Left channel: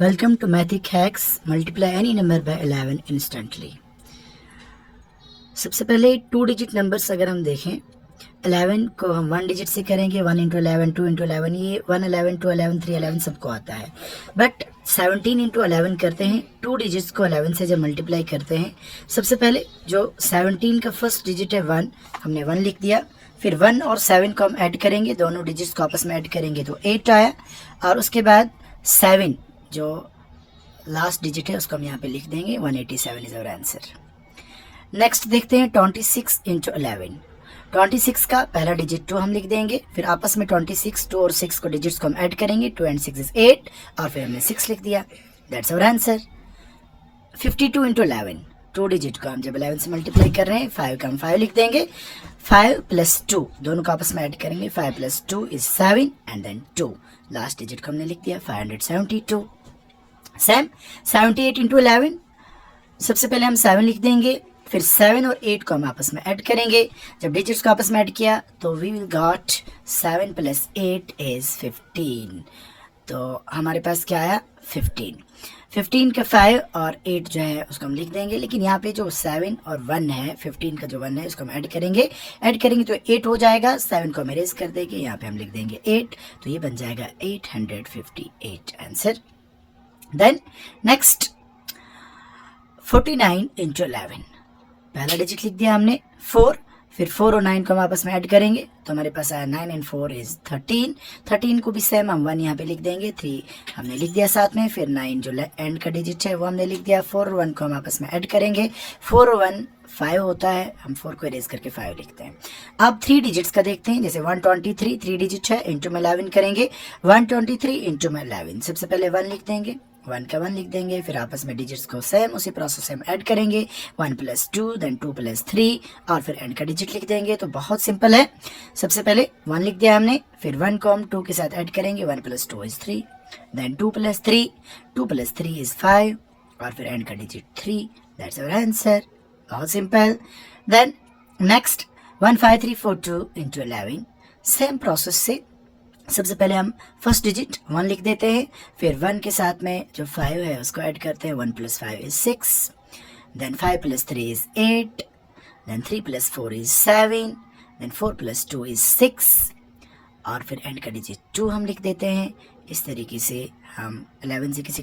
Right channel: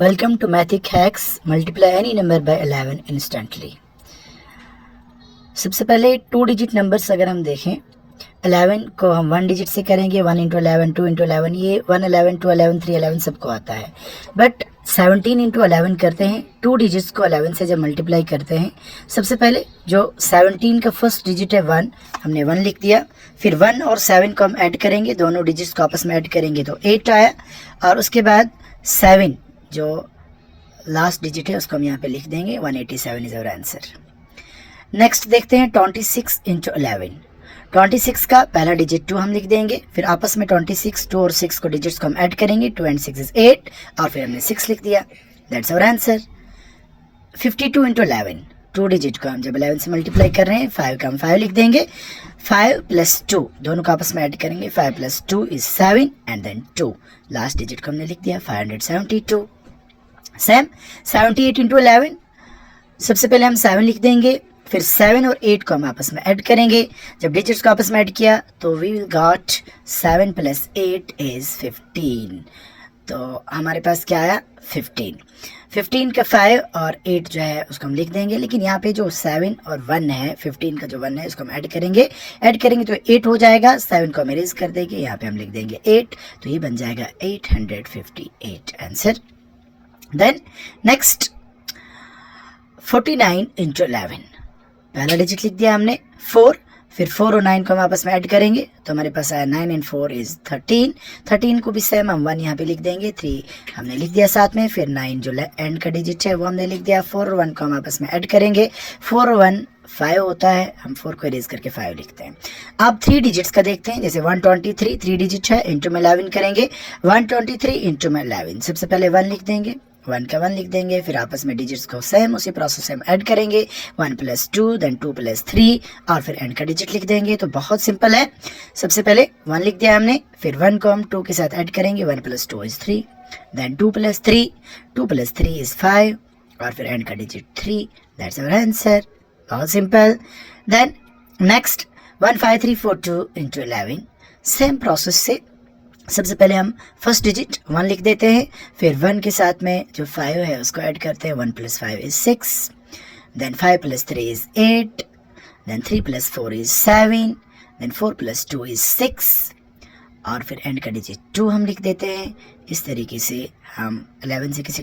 Welcome to Mathic Hacks. Multiply any number by 11 instantly. सबसे पहले 2 digit numbers अगर हम देखें, 11 को हम 1 डिजिट से करेंगे, 1 इंटू 11, 2 इंटू 11, ये 1 11, 2 11, 3 11 सबको आता है. बट 17 इंटू 11 करते हैं, 2 डिजिट्स को 11 से जब मल्टीप्लाई करते हैं, सबसे पहले जो 17 का फर्स्ट डिजिट है 1, हमने 1 लिख दिया. फिर 1 और 7 को हम ऐड करेंगे, दोनों डिजिट्स को आपस में ऐड करेंगे तो 8 आया. और उसके बाद 7 जो लास्ट डिजिट है उसको हम यहाँ पे लिख देंगे. 187 इज अवर आंसर. नेक्स्ट देखते हैं 26 इंटू 11. 26 का पहला डिजिट 2 हम लिख देंगे, फिर आपस में 26, 2 और 6 को डिजिट्स को हम ऐड करेंगे. 2 and 6 इज 8 और फिर हमने 6 लिख दिया. That's our answer. 52 into 11, 2 digit को हम जब 11 से मल्टीप्लाई कर रहे हैं, 5 का हम 5 लिख देंगे. 5 प्लस 2 दोनों को आपस में ऐड करेंगे. 5 plus 2 is 7 and then 2. Last digit को हमने लिख दिया 572. सेम 78 इंटू 11, सबसे पहले हम 7 लिख देंगे, फिर 7 और 8 को हम आपस में ऐड करेंगे. जब डिजिट्स को आपस में ऐड किया तो we will got 7 plus 8 is 15. तो हमारे पास क्या आया 15. 15 का 5 और 8 जो है उसको हम लिख देंगे, लेकिन यहाँ पे जो 7 और 1 है, 15 का जो 1 है उसको हम ऐड करेंगे तो 8 हो जाएगा. 7 को हम इरेज कर देंगे, यहाँ पे हम लिख देंगे 8, तो ये बन जाएगा 858 आंसर. देन नेक्स्ट 49 इंटू 11, पहला डिजिट लिख दिया हमने 4, फिर 4 और 9 को हम आपस में ऐड करेंगे तो हमारे पास आया 9 and 4 इज 13. 13 को भी सेम हम 1 यहाँ पे लिख देंगे, 3 हमने लिख दिया साथ में, फिर 9 जो एंड का डिजिट है वो हमने लिख दिया. 4 और 1 को हम आपस में ऐड करेंगे. 4 और 1 5 होता है, हम 4 को इरेज करके 5 लिखते हैं. अब 3 डिजिट्स का देखते हैं, जैसे 123 3 डिजिट है, इंटू में 11 करेंगे. 123 इंटू में 11, सबसे पहले 1 लिख देंगे, 1 का 1 लिख देंगे, फिर आपस में डिजिट्स को सेम उसी प्रोसेस से हम ऐड करेंगे. 1 प्लस 2 देन 2 प्लस 3 और फिर एंड का डिजिट लिख देंगे. तो बहुत सिंपल है. सबसे पहले 1 लिख दिया हमने, फिर 1 को हम 2 के साथ ऐड करेंगे. 1 plus 2 is 3, then 2 plus 3 is 5 और फिर एंड का डिजिट 3. That's our answer. बहुत simple. Then next 15342 into 11, same process से सबसे पहले हम फर्स्ट डिजिट 1 लिख देते हैं, फिर 1 के साथ में जो 5 है उसको ऐड करते हैं. 1 plus 5 is 6, then 5 plus 3 is 8, then 3 plus 4 is 7, then 4 plus 2 is 6 और फिर एंड का डिजिट 2 हम लिख देते हैं. इस तरीके से हम 11 से किसी